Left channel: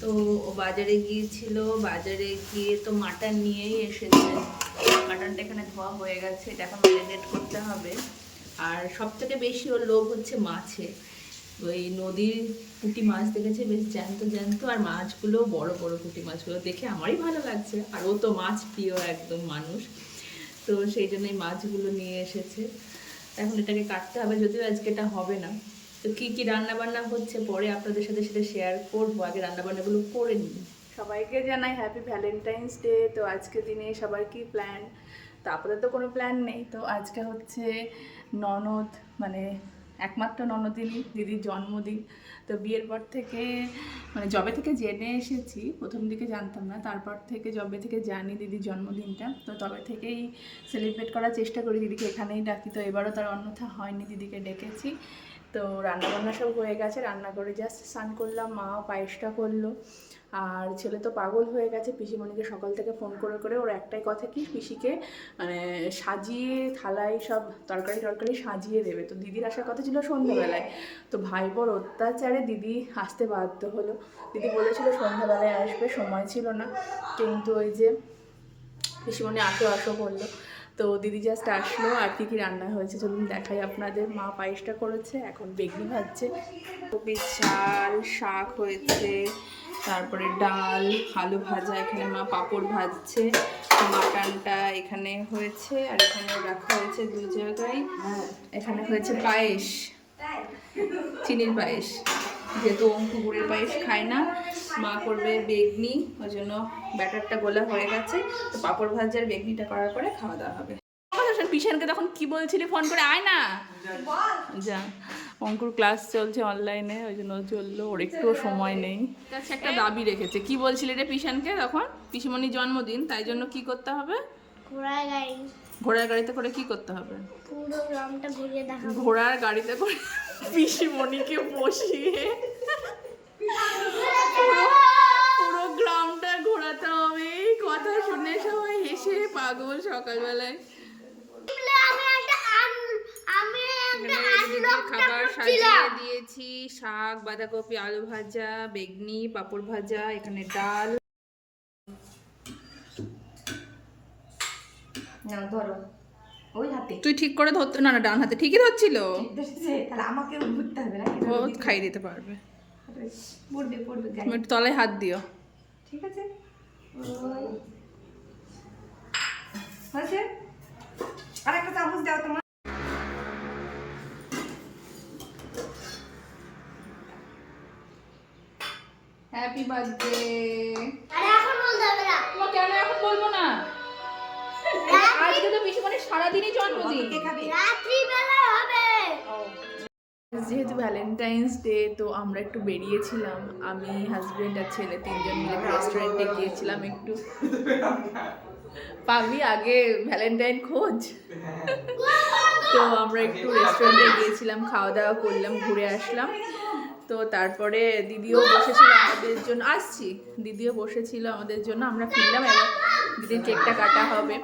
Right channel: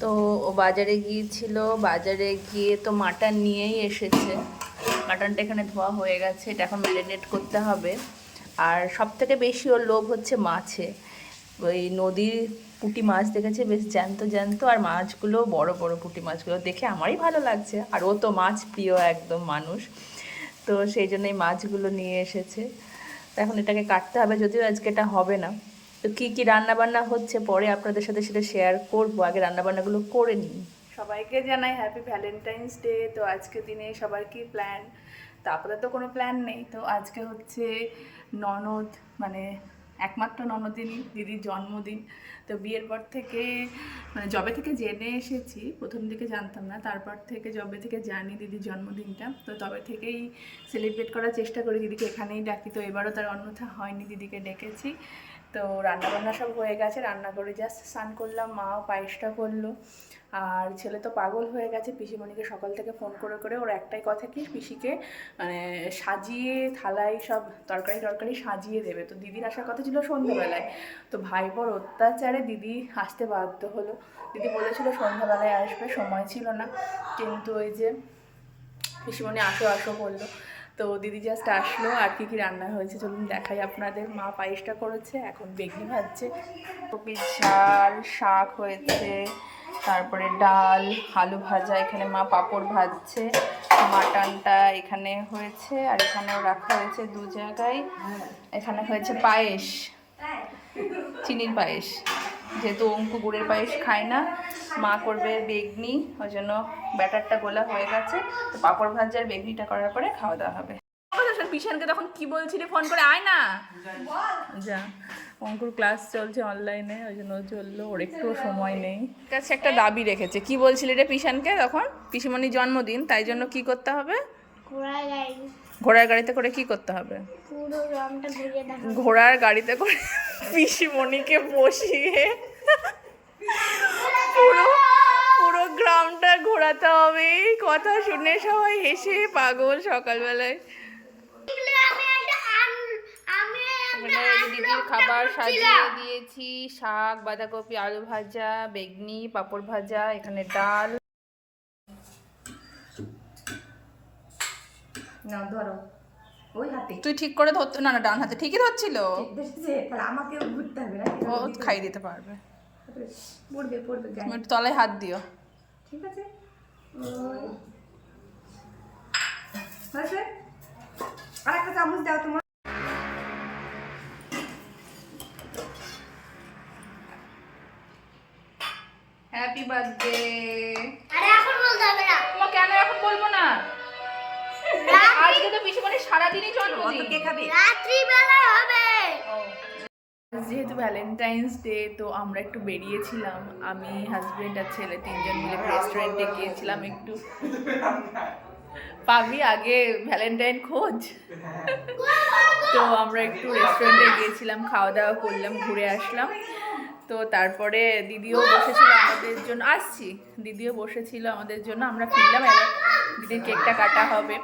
তো ও বাজারে গিয়েছিল, বাজারে গিয়ে তো মাটন নিয়েই এসেছে। মাটনটা এখানে ধোয়া হয়ে গেছে, এটা এখন ম্যারিনেট করতে হবে। আর সব থেকে বেশি ওর লোভ হচ্ছে মাছে। ওই নদীর পুঁটি মাছ দেখেছে, বেশ জ্যান্ত জ্যান্ত, আর মাছগুলো বড় বড় পুঁটি মাছগুলো দেখে আমারই ভালো লাগছে। আর ও তো মাছ প্রিয় একদম মানুষ, তো সেই জন্যই মাছগুলো নিয়ে এসেছে। তো এখন এটাকে কাটতে হবে, যদিও আজকে এটা হবে না। তো কী কী রান্নাবান্না হচ্ছে পরে আপনাদের সাথে সেটা শেয়ার করবো, আগে রান্নাবান্নাগুলো করে নিই। সবাইকে জানাই হ্যাপি ভ্যালেন্টাইন্স ডে। তো আজকে দিনে সবার কি প্ল্যান? তো আপাতত কোনো প্ল্যান নেই। তো আজকে হচ্ছে ননদ, মানে একমাত্র ননদিনী দিদির জন্মদিন। তো বিয়ের পর থেকে, মানে জবে থেকে জেনে এসেছি, প্রথম দিকে জানতাম না, তারপর থেকে জবে থেকে জানি দিদির জন্মদিনটা, তো তবে থেকেই সেলিব্রেট করার চেষ্টা করি, দিদিকে এখানেই ডাকি। তো এবারও তার অন্যথা হয়নি, দিদিকে ডেকেছি। তো রান্নাবান্না সব হয়ে গেছে, রান্না করে জাস্ট স্নান করলাম, মাও পায়েসটা করলো। আর ছেলে তো পাগল হয়ে গেছে, পিসিমণিকে সকাল থেকে ফোন করে করে ওর একটাই কথা কি, পিসিকে মানে সাজিয়ে থালায় সব তরকারি টরকারি সাজিয়ে দেবে। তো দিদির আসার কথা ছিল সন্ধ্যাবেলায়, তো ভাইপোর অত্যাচারে দিদি আসতে বাধ্য হলো। দিদি বলেছিল সন্ধ্যাবেলায় আসবে, সময় ছিল না, কিন্তু ওই যে পিসিমণি আসো আসো বললো। তো দিদি জাস্ট আসলো। আর কি কি রান্না হয়েছে চলুন দেখাই আপনাদের। মা পায়েসটা করেছে, এখন বেগনি ভাজছে, কপির ঝাল, শাক হয়েছে, তারপরে ডাল, আলু ভাজা, এখানে মা পাঁপড় ভাজছে, মাটনটা এখানে হয়েছে, আর এখানেও রাখা হয়েছে দু জায়গায়। এখানে হয়েছে পায়েস, চিনির পায়েস, যেহেতু অঙ্কু গুড়ের পায়েস খায় না, মা করবে বেগনি, ওই জন্য ব্যাটারটা গোলা হয়ে গেছে। তো পাঁপড় ভাজার বেগনিটা করার পরে খাওয়া দাওয়া হবে। পিছনকে তখন কি বলছিলি ফোন করে, আয় না যা। অঙ্কুর ক্লাস চলছে অনলাইনে, ওই জন্য চললো, ওর একটুও সময় নেই। কাছে একটা দাবি রেখেছে, কি বলছিলি রে পিছনকে তখন? পিসিমণির জন্মদিন, তাই জন্য কি করতে হবে? ঘোড়ার গাড়িতে করে কি করতে হবে? ঘোড়ার গাড়িতে করে পিসিমণিকে বসিয়ে পুরো পুরো গ্রামটা ঘোরাতে হবে। কথা শুনে সবাই হেসে পাগল সকালবেলায়। এখানে দিদির খাবার সাজিয়ে দিয়েছি, শাক, বাঁধাকপি, আলু ভাজা, বেগনি, পাঁপড় ভাজা, এখানে ডাল। ধরো ওই হাতে, তুই ঠিক করে ধরতে, না না ডান হাতে ঠিকই ধরছিল, তাহলে আমাকে ঘুরতে হবে না, ও খাই দিতে পারবে। পড়বে পড়বে, তুমি একটু তলায় হাত দিও। ঠিক আছে, হয়েছে। আর একটা চামচ দাও তোমার। Happy birthday. আরে এখন বলতে হবে না। তোমার কেন এখন বলবো না? আজকে তো পিসিমণির সারাদিনই জন্মদিন। কে খাবে? রাত্রি বেলা হবে। যেহেতু ভ্যালেন্টাইন্স ডে, তো আমরা একটু বেরিয়েছিলাম, আমি, হাজবেন্ড আর ছেলে তিনজন মিলে রেস্টুরেন্টে গিয়েছিলাম একটু। পাবি আগে ভ্যালেন্টাইন খোঁজ। তো আমরা একটু রেস্টুরেন্টে গিয়েছিলাম, খাওয়া দাওয়া করলাম, ঘুরে আসলাম। তো তারপরে দিদিও বসেছিল আমাদের জন্য, আসছি, দিদিও বসেছিল আমাদের জন্য, আমরা ফিরলাম। এবার দিদির কেকটা কাটা হবে।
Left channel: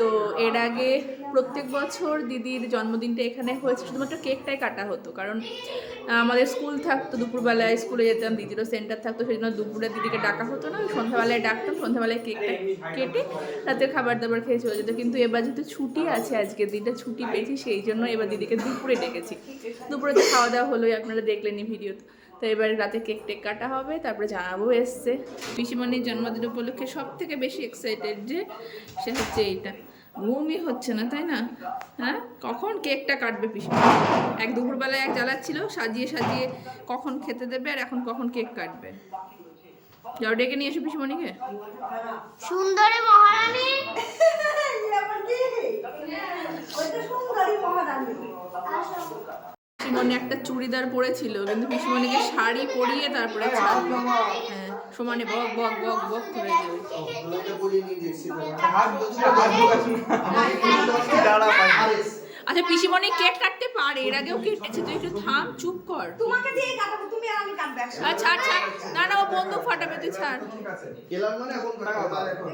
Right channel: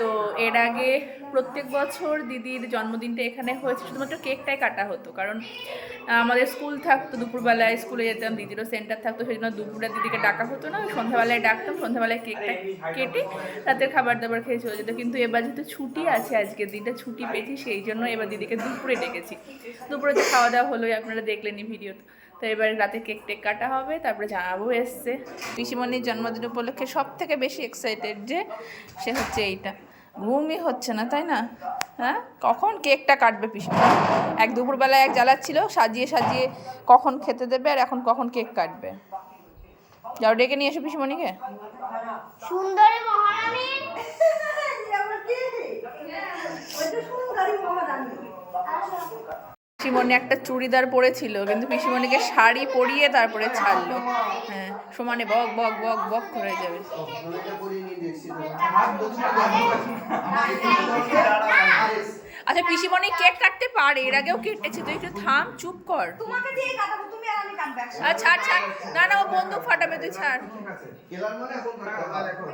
তো এর আগে প্রত্যেক বছর দিদির জন্মদিনটা এখানে হয়েছে, শুধুমাত্র কেকটাই কাটা হতো, কারণ আমাদের স্কুল থাকতো, দুপুরবেলায় স্কুলে যেতাম, দিদিরও সেন্টার থাকতো, সেই জন্য দুপুরে দিদিকে ডাকা হতো না, সন্ধ্যাবেলায় ডাকতাম, সন্ধ্যাবেলায় কেকটা কেটে রাতের খাবার দাবার খেয়ে চলে যেত। কিন্তু এবার যেহেতু ছুটি আছে, আজকের দিনটা ছুটি পেয়েছি, সেই জন্য এবার দিদিকে দুপুরে ডেকেছি। দুপুরে তো খাওয়া দাওয়া হলোই, আপনারা দেখলেনই ভিডিওতে। তো এবার রাতে কেক টেক কাটা হবে, তারপরে জানাবো এসছে। পিসিমণির জন্মদিন উপলক্ষে সব থেকে বেশি এক্সাইটেড যে সে হচ্ছে এইটা, ঘুমই হচ্ছে না, তাই না? হ্যাঁ, কখন কেকটা কাটবে পিসিমণি? এক দুপুরবেলায় এক জ্বালাচ্ছিল সাজিয়ে সাজিয়ে কখন খেতে দেবে, আর এখন কখন কেক কাটবে। যাও ডেকে নিয়ে এসো পিসিমণিকে। সুন্দরী মহারানী। পিসিমণি একটা চুড়িদার পরেছিল, কিন্তু পিসিমণিকে শাড়ি পরিয়ে তারপরে ছাড়লো। হ্যাঁ, সমানে বক বক বক বক করে যাবে। আচ্ছা পিসিমণি কেক কাটতে পারে, এর আগেও কেটেছে, তুই একটু থাম, চুপ কর। তোমাকে দিয়ে কাটাবো, তুমি তুমি আর আমি কাটবে একসাথে। আচ্ছা আচ্ছা, না না ও বন্দুক ফাটাবে, তুই ছাড়। ঠিক আছে কেলার মানে এখন তাহলে এখন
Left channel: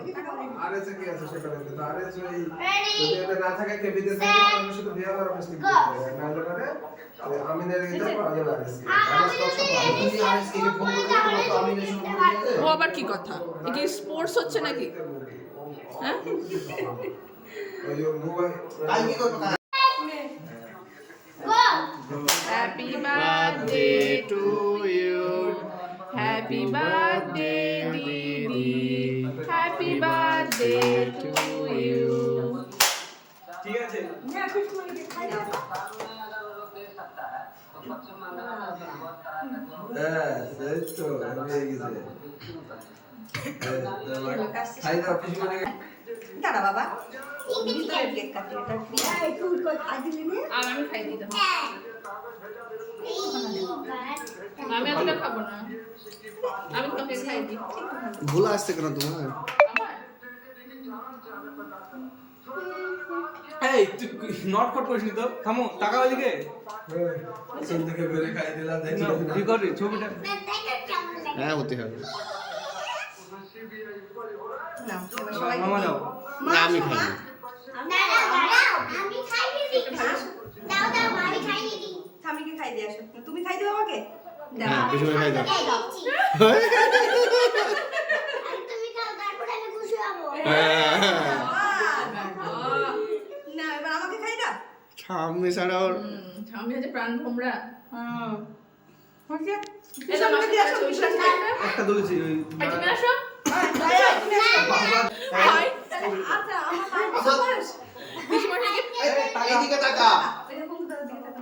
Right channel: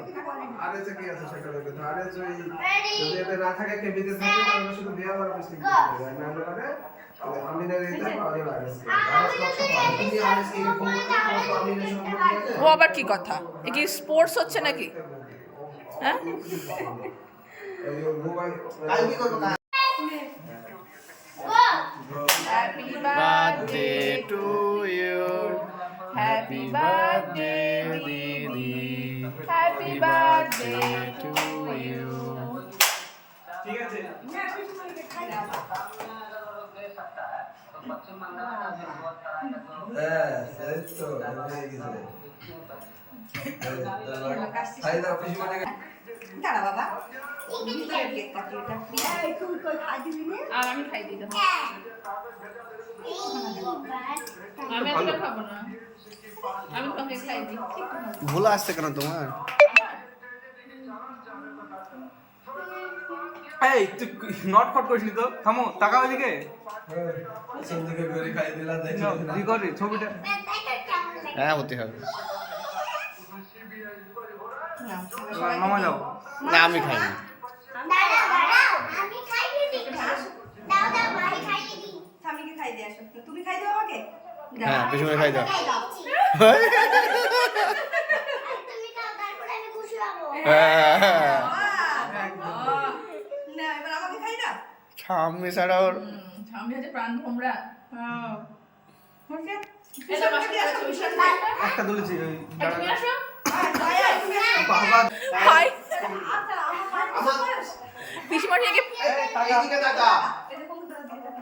আর এসে কি আছে সেটা বলতে তো আর এসে Ready? যদি এটা না থাকে কে বিদেশ থেকে আমি শুধু বিয়ে করার অবস্থা কি করব না হলে পারে আমি নেই দেখো আমি আরএস তুমি আরএস কে ফোন করবে তোমার তো আমি নেশন করে দিয়েছে ও আবার কি কথা, এ কি স্পোর্টস হচ্ছে নাকি? হ্যাঁ ওই যে মোবাইল কাল কি করবে কাল Go. Happy birthday to you. Happy birthday Didi. Happy birthday to you. ঠিক আছে না পিসমণিকে খাই দাও। হ্যাঁ এই তো হয়ে গেছে খাই দাও কিছু মানে দাঁড়া বাবা ভিতরে কেক কাটি এটা এই তুই কই খাই দিবি না আর আমি খাই দিতাম, Hey, আমি আজকে খাবো না, আমি তোকে খাই দিই। ভুলা আসছে কেন তোমার? এই তুই নট ফট করিসনি তো, থামো টাকা ওইদিকে সিন্ধুকে করে খাই দিলাম দেখি নাও, কি করি ছবিটা হ্যাঁ হতে হবে। না এবার মামা যাও। না আমি খাইনি। দাঁড়াও, আমি খাইয়ে দিই। দাও, আমি খাইয়ে দিই। স্বামীকে খাই দিয়ে আসো তুমি খাই দিও আমাকে হ্যাঁ পিছনে খাই দাও। খাই দিচ্ছি। আর তুমি খাও, তারপরে আমি খুশি হবো। হ্যাঁ। না এবার আমাকে খাই দাও সামনে ছাড়া ওর সামনে আছে প্রাণ ভোমরা। হ্যাঁ ওকে এটা বাসা দিয়ে আসো, বিশাল খাই না। একটা তুলেছি ওই এখানে আসো। বাবা হাই আচ্ছা আমার পিসিমণিকে এইদিকে টাকা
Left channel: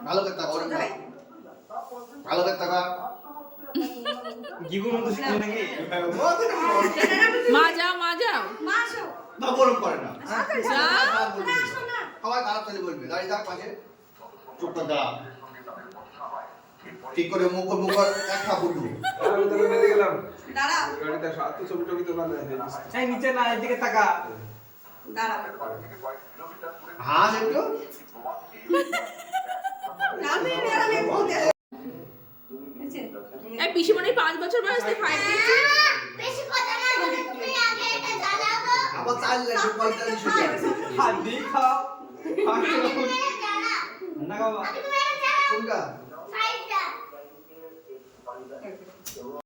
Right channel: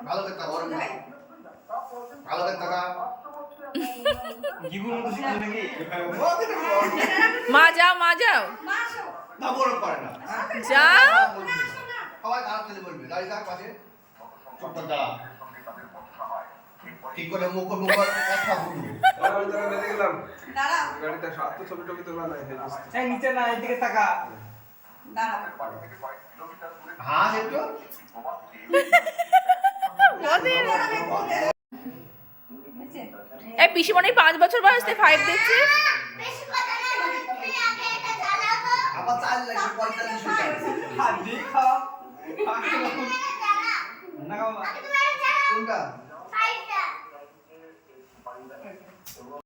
ভালো করে টাকা ওরকম না। ভালো করে টাকা জিগুর মতো শিখি নাকি? মা যাও, মা যাও, মাসো বাবু ওরকম করে না যাও। সবাই খারাপ ছেলে বলবে দাঁড়িয়ে থাক পাশে চুপ করে দাঁড়া ঠিক করে মুখ একটা বলবি আমি তো বেরিয়ে গেলাম দাঁড়াও গাড়িতে সাত ছবি টবি তোলা নাই হয়ে গেছে এই নিচে না, এদিকে টাকা দাঁড়াও হাস একটু এই পিসিমণির 5 বছর বয়সে 5 দিচ্ছিস। বেশি কথা না বলে তুমি আগে এটা জ্বালাও তো। আবার চাল লাগবে 45 টাকা হাত দিয়ে খাও। আমি তোমার জ্বালাও। না বাবা আমি তোমার জ্বালাও। কোনটা